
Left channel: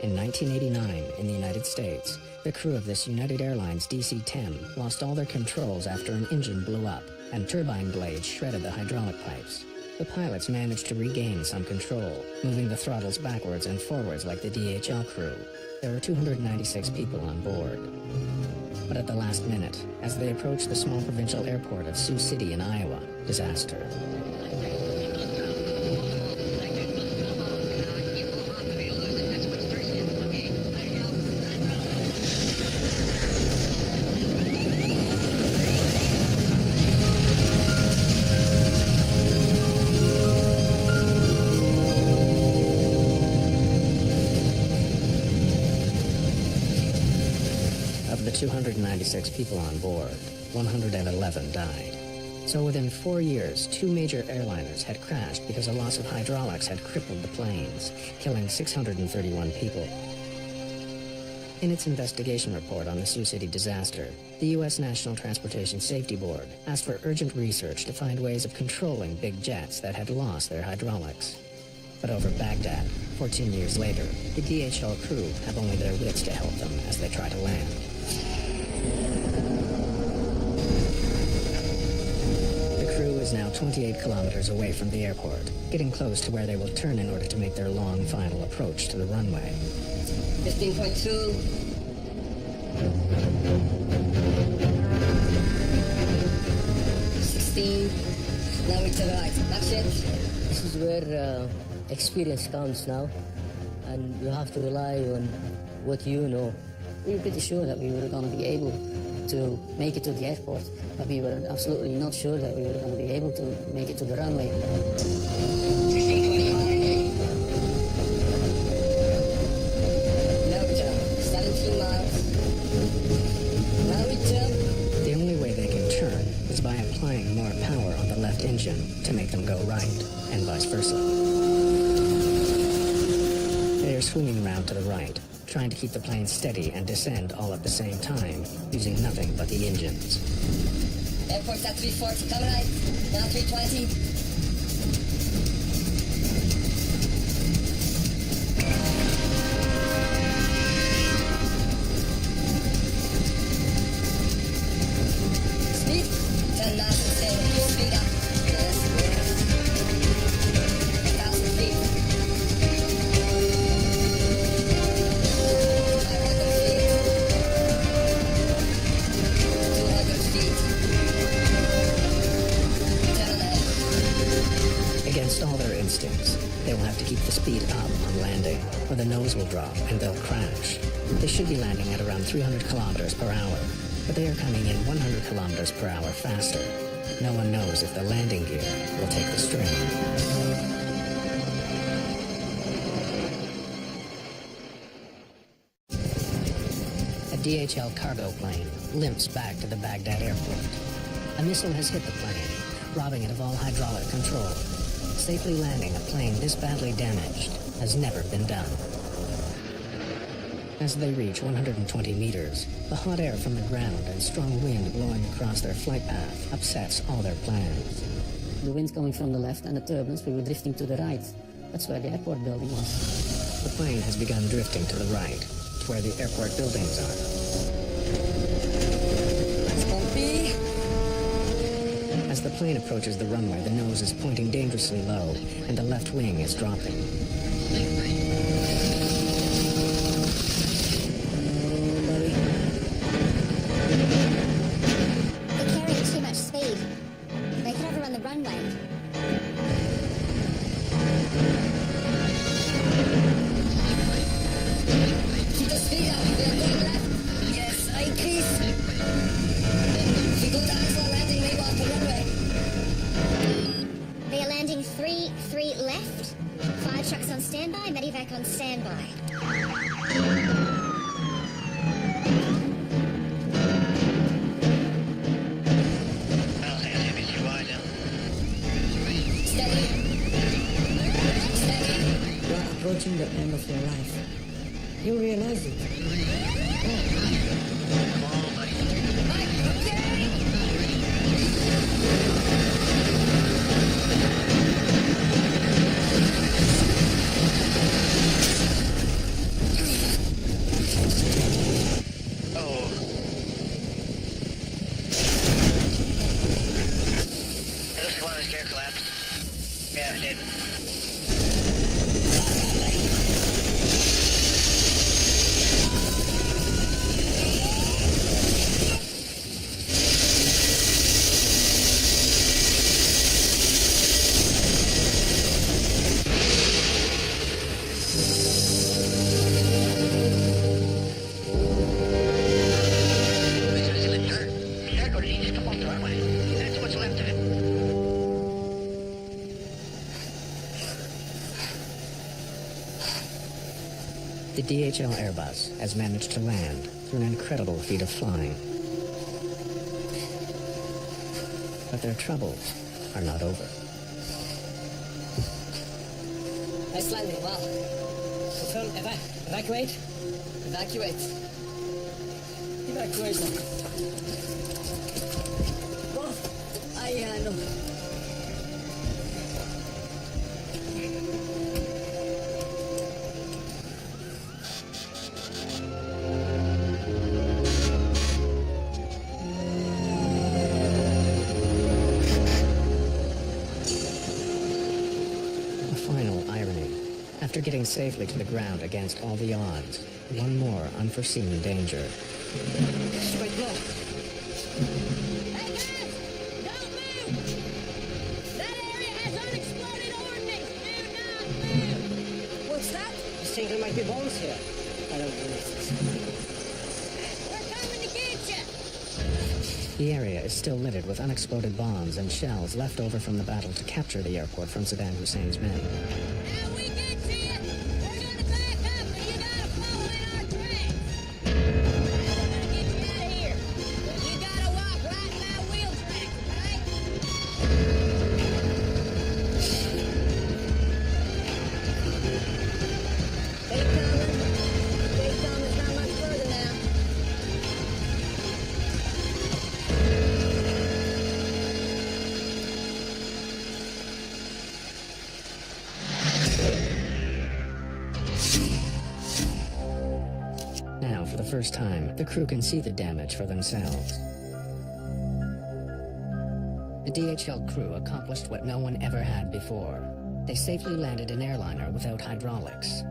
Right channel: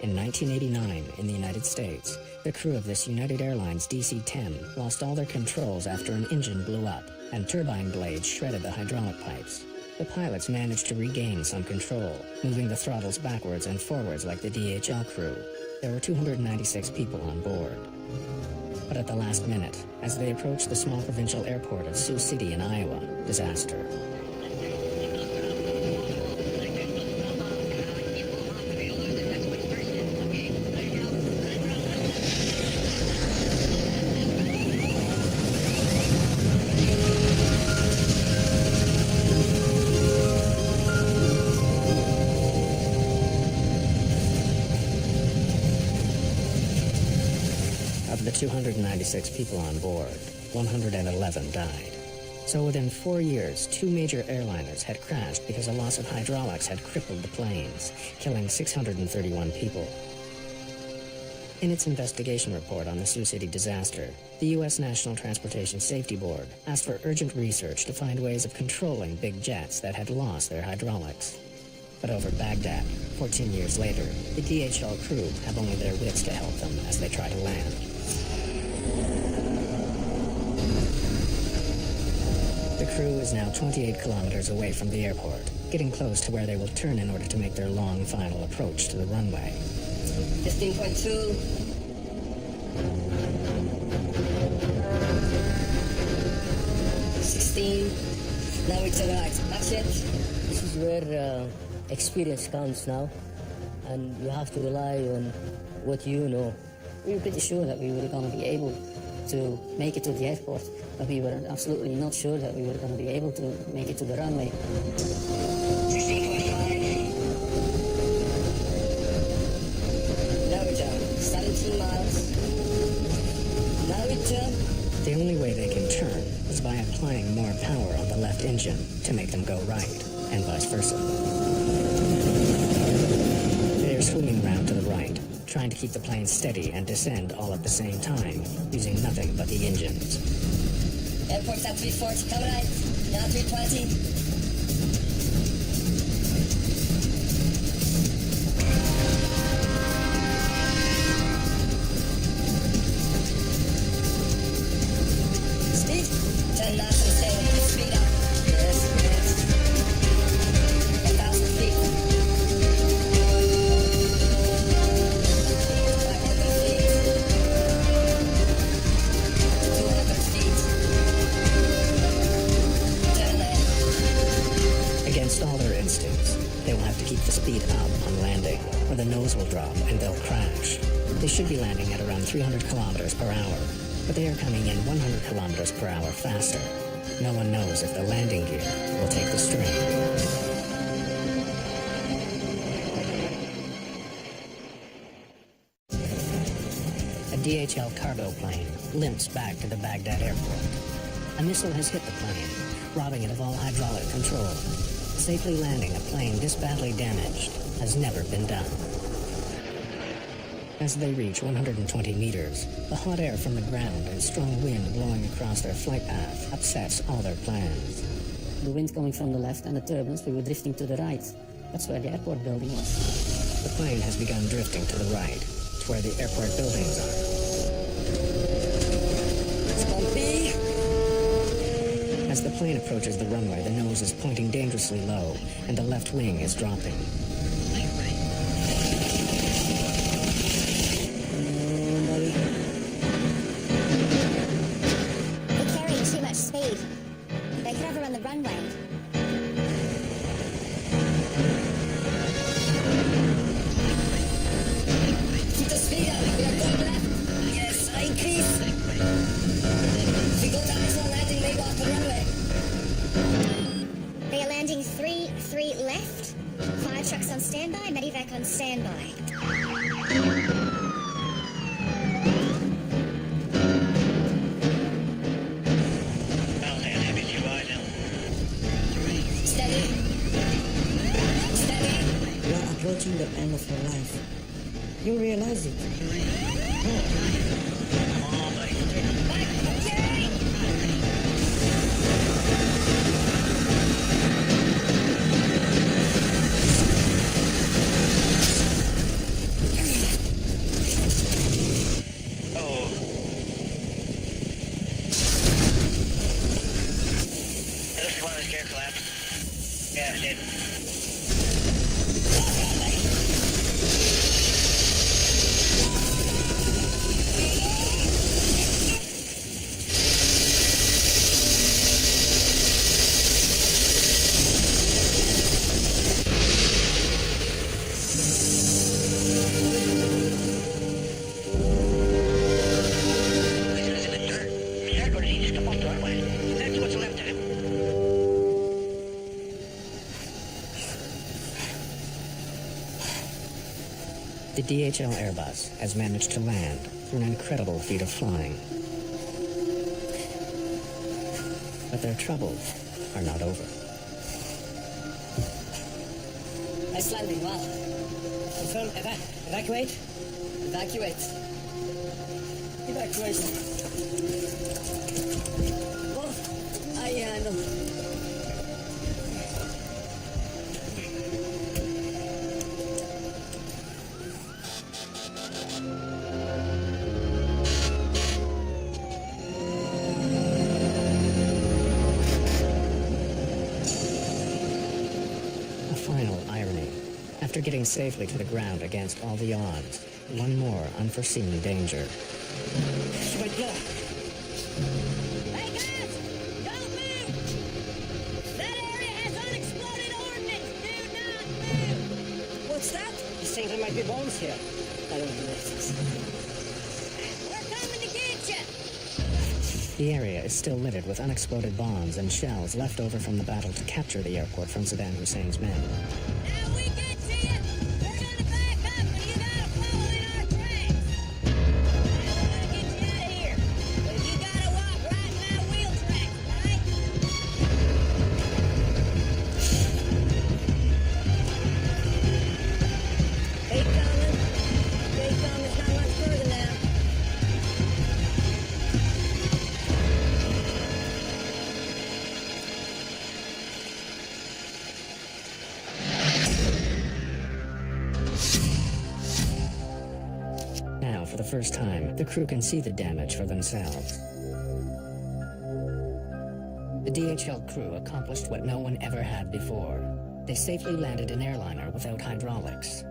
In 1989, in the United States, the crew of this United Airlines DC-10 lost all their controls after an engine blew up, and turbine blades shredded the hydraulic pipes. The pilots managed to regain some control, moving the throttles backwards and forwards like the DHL crew. There were 296 people on board. But at the last minute, as they approached the small provincial airport of Sioux City in Iowa, disaster. Of the 296 people on board, 111 died. So within 4 years, 2 major airliners had crashed because a loss of hydraulics had crippled the planes, killing 631 people. In its investigation report on the Sioux City disaster, the U.S. National Transportation Safety Board asked for urgent research to find ways of controlling big jets that had lost their hydraulics. But over Baghdad, 14 years later, the DHL crew have only their wits to help them as they try to land. The crew is now 28 kilometers away from the airport, getting close to where they will turn in order to make their long final approach to the runway. 15.2. Now we to the right. That's it. This is where experience counts now, and you have to rely on what you know. We were pretty sure that we were going to be able to make it to the airport, but we were absolutely not sure that we were going to be able to make it to the runway. 16.5. Now we turn. 17 miles. Now we turn. The only way they can turn is by applying more power on the left engine to make them go right, and vice versa. They are swinging round to the right, trying to keep the plane steady and descend all at the same time, using nothing but the engines. Airport's at 340, come right. Now 320. Speed? Turn nice and stable, keep speed up. Yes, yes. 1,000 feet. feet. 10 on ahead. Against all their instincts, they will have to keep the speed up on landing, or the nose will drop and they'll crash. They should be landing at around 300 kilometers per hour, but they are coming in 100 kilometers per hour faster. No one knows if the landing gear will take the strain. A DHL cargo plane limps back to the Baghdad airport. A missile has hit the plane, robbing it of all hydraulic control. Safely landing a plane this badly damaged has never been done. As they reach 120 meters, the hot air from the ground and strong wind blowing across their flight path upsets all their plans. The wind coming from the left and the turbulence, we were drifting to the right. That's where the airport building was. The plane has begun drifting to the right, to where the airport buildings are. That's bumpy. As the plane approaches the runway, the nose is pointing dangerously low, and the left wing is dropping. They're carrying too much speed. They could overrun the runway. Keep the speed up. We are going left. Yes, I increase. If we go to Iceland landing, may go off the runway. They are landing 3 left. Fire trucks on standby, medivac on standby. Steady. Steady. You are approaching the end of your life. You realize it. Come on, buddy. 30. Back, okay. Oh. It looks like one of the gear collapsed. Yeah, it did. He's in the dirt. Dirt, or did he just come off the runway? That's what's left of him. The DHL Airbus has managed to land through an incredible feat of flying. But their troubles are not over. Nice landing, well. Confirm, evacuate? Evacuate. Evacuation. Oh, I handle. A final irony. After getting safely to the ground against all the odds, one more unforeseen danger. She might blow. Hey guys! Don't move! That area has unexploded ordnance! Do not move! What's that? He's saying there might be bombs here. I don't believe this. We're coming to get you! The area is still littered with unexploded bombs and shells left over from the battle to capture the airport from Saddam Hussein's men. Now we get to you! We're gonna back up and you gotta follow in our tracks! Now we're gonna get you out of here! But you gotta walk right in my wheel tracks, okay? Keep coming. Keep coming. It's not much further now. Now, for the first time, the crew can see the damage for themselves. The DHL crew accomplished what no one ever had before. They safely landed an airliner without hydraulics.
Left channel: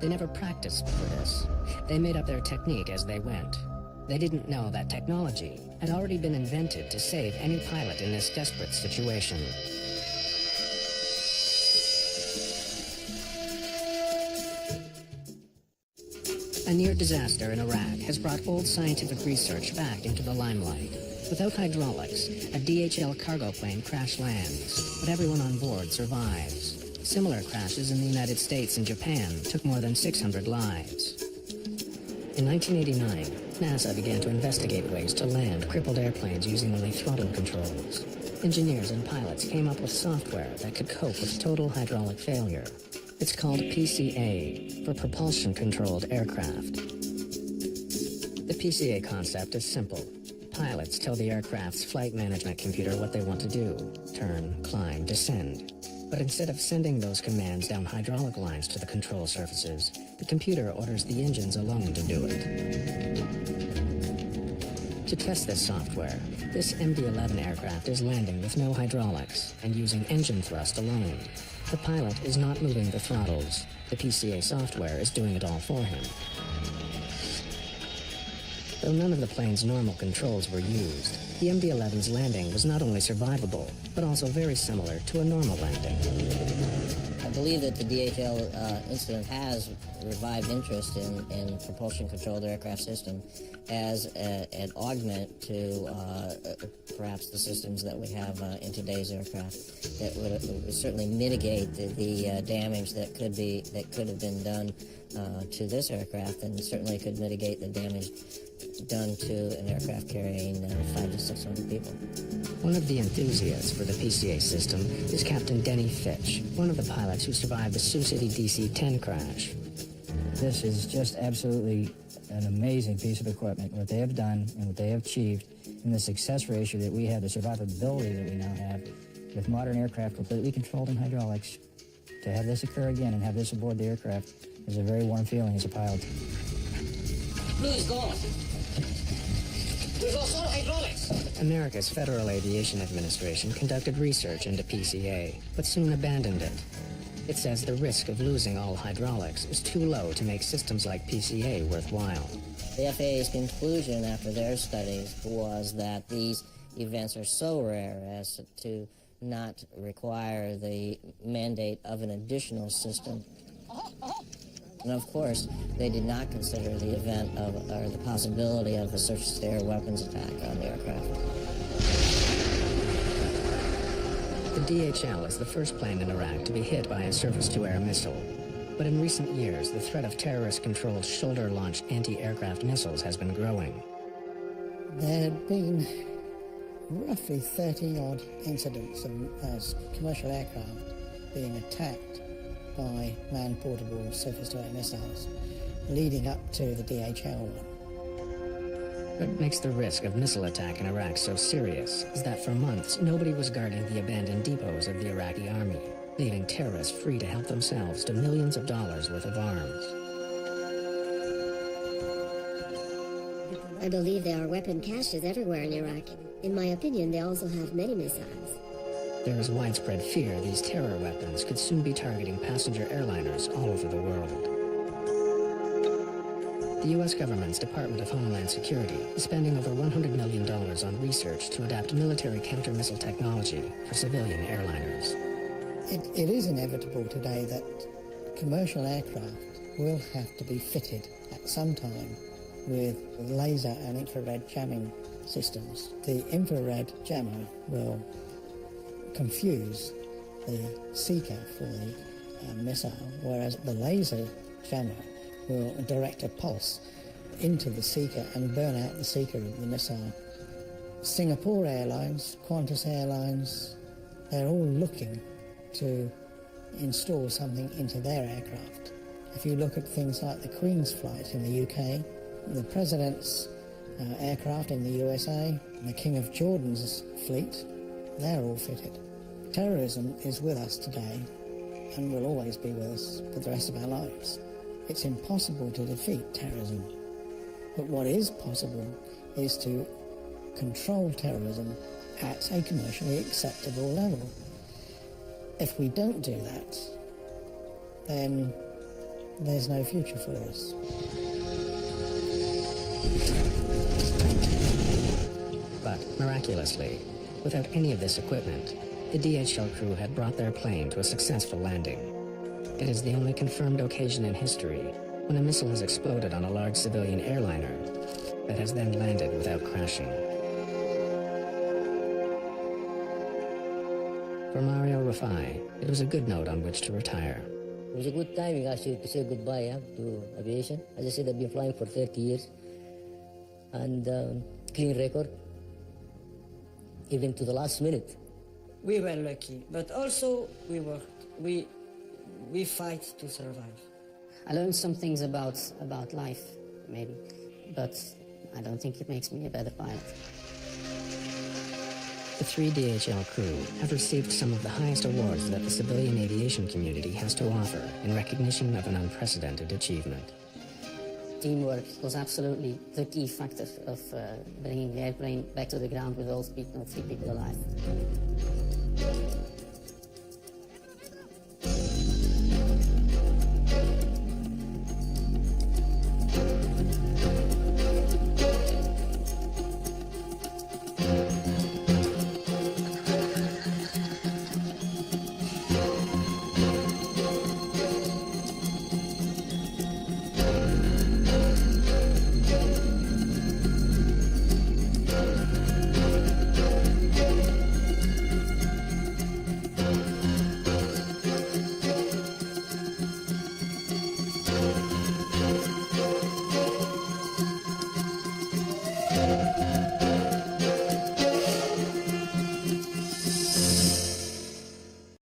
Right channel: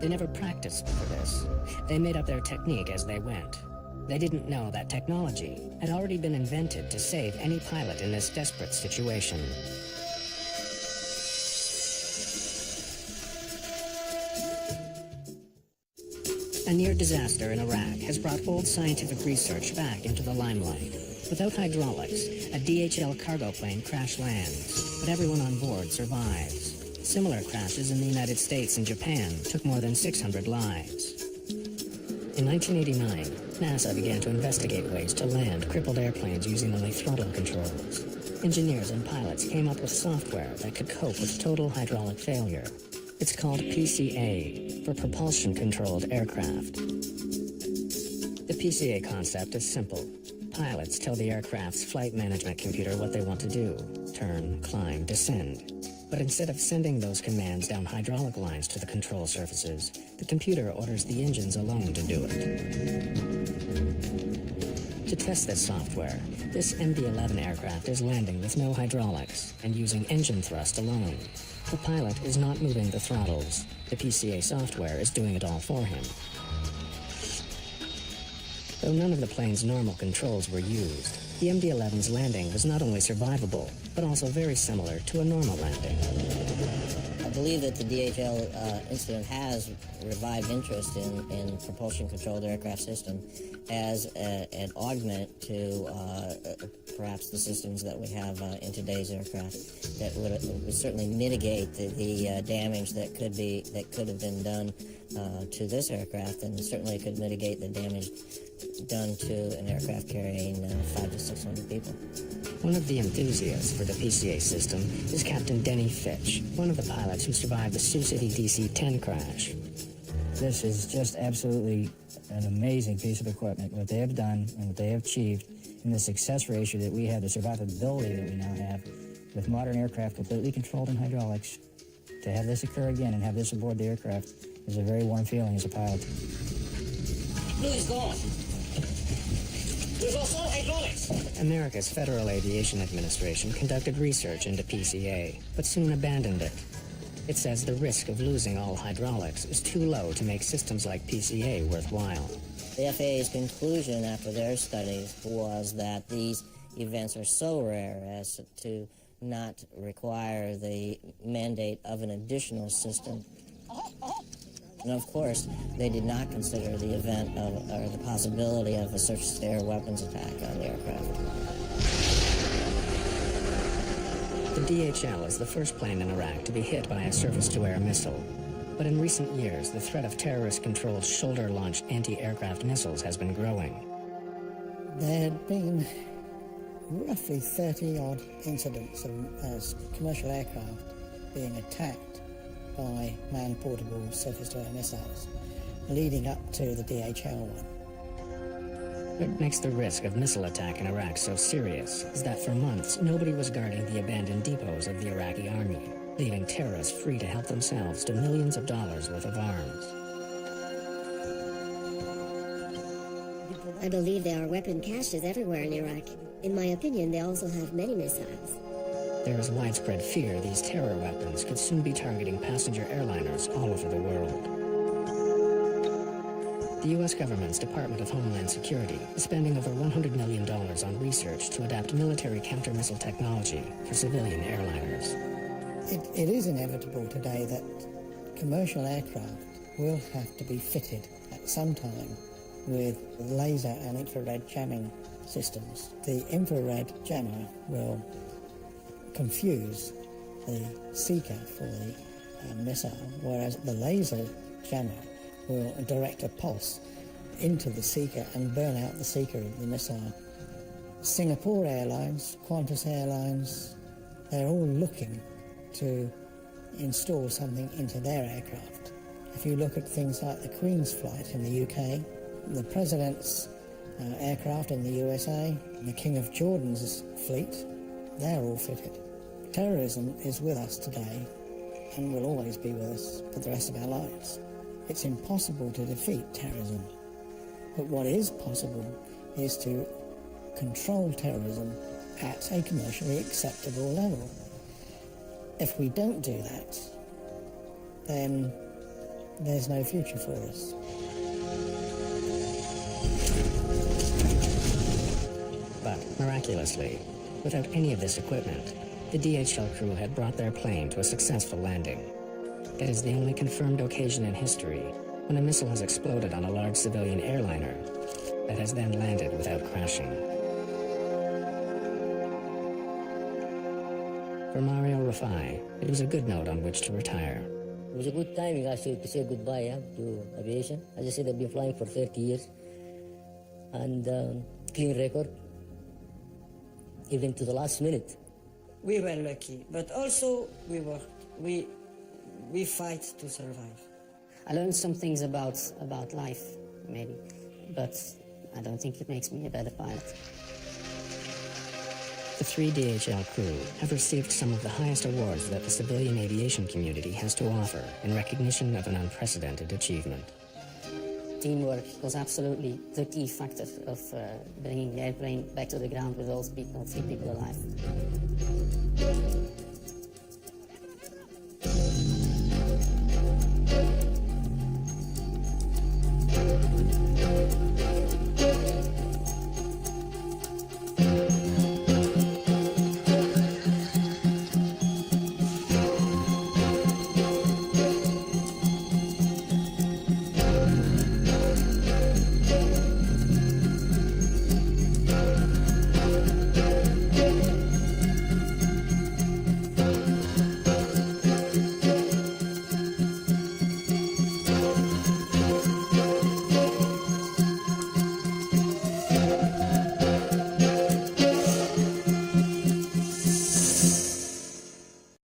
They never practiced for this. They made up their technique as they went. They didn't know that technology had already been invented to save any pilot in this desperate situation. A near disaster in Iraq has brought old scientific research back into the limelight. Without hydraulics, a DHL cargo plane crash lands, but everyone on board survives. Similar crashes in the United States and Japan took more than 600 lives. In 1989, NASA began to investigate ways to land crippled airplanes using only throttle controls. Engineers and pilots came up with software that could cope with total hydraulic failure. It's called PCA, for Propulsion-Controlled Aircraft. The PCA concept is simple. Pilots tell the aircraft's flight management computer what they want to do: turn, climb, descend. But instead of sending those commands down hydraulic lines to the control surfaces, the computer orders the engines alone to do it. To test this software, this MD-11 aircraft is landing with no hydraulics and using engine thrust alone. The pilot is not moving the throttles. The PCA software is doing it all for him. Though none of the plane's normal controls were used, the MD-11's landing was not only survivable, but also very similar to a normal landing. I believe that the DHL incident has revived interest in propulsion-controlled aircraft system as an augment to perhaps the systems that we have in today's aircraft that would certainly mitigate the damage that could have been done to this aircraft, and certainly could mitigate the damage done to an aircraft carrying 500 to 600 people. One of the enthusiasts for the PCA system is Captain Denny Fitch, one of the pilots who survived the Sioux City DC-10 crash. This is just absolutely an amazing piece of equipment, what they have done and what they have achieved, and the success ratio that we have, the survivability that we now have with modern aircraft completely controlled in hydraulics. To have this occur again and have this aboard the aircraft is a very warm feeling as a pilot. Blue is gone. We've lost all hydraulics. America's Federal Aviation Administration conducted research into PCA, but soon abandoned it. It says the risk of losing all hydraulics is too low to make systems like PCA worthwhile. The FAA's conclusion after their studies was that these events are so rare as to not require the mandate of an additional system. And of course, they did not consider the event of, or the possibility of a surface-to-air weapons attack on the aircraft. The DHL is the first plane in Iraq to be hit by a surface-to-air missile. But in recent years, the threat of terrorist-controlled shoulder-launched anti-aircraft missiles has been growing. There had been roughly 30-odd incidents of commercial aircraft being attacked by man-portable surface-to-air missiles, leading up to the DHL one. What makes the risk of missile attack in Iraq so serious is that for months nobody was guarding the abandoned depots of the Iraqi army, leaving terrorists free to help themselves to millions of dollars worth of arms. I believe there are weapon caches everywhere in Iraq. In my opinion, they also have many missiles. There is widespread fear these terror weapons could soon be targeting passenger airliners all over the world. The U.S. government's Department of Homeland Security is spending over $100 million on research to adapt military counter-missile technology for civilian airliners. It is inevitable today that commercial aircraft will have to be fitted at some time with laser and infrared jamming systems. The infrared jammer will confuse the seeker for the missile, whereas the laser jammer will direct a pulse into the seeker and burn out the seeker of the missile. Singapore Airlines, Qantas Airlines, they're all looking to install something into their aircraft. If you look at things like the Queen's flight in the UK, the President's aircraft in the USA, the King of Jordan's fleet, they're all fitted. Terrorism is with us today and will always be with us for the rest of our lives. It's impossible to defeat terrorism, but what is possible is to control terrorism at a commercially acceptable level. If we don't do that, then there's no future for us. But, miraculously, without any of this equipment, the DHL crew had brought their plane to a successful landing. It is the only confirmed occasion in history when a missile has exploded on a large civilian airliner that has then landed without crashing. For Mario Rafai, it was a good note on which to retire. It was a good timing actually to say goodbye to aviation. As I said, I've been flying for 30 years and clean record, even to the last minute. We were lucky, but also we worked. We fight to survive. I learned some things about life, maybe, but I don't think it makes me a better pilot. The 3 DHL crew have received some of the highest awards that the civilian aviation community has to offer in recognition of an unprecedented achievement. Teamwork was absolutely the key factor of bringing the airplane back to the ground with all 3 people alive.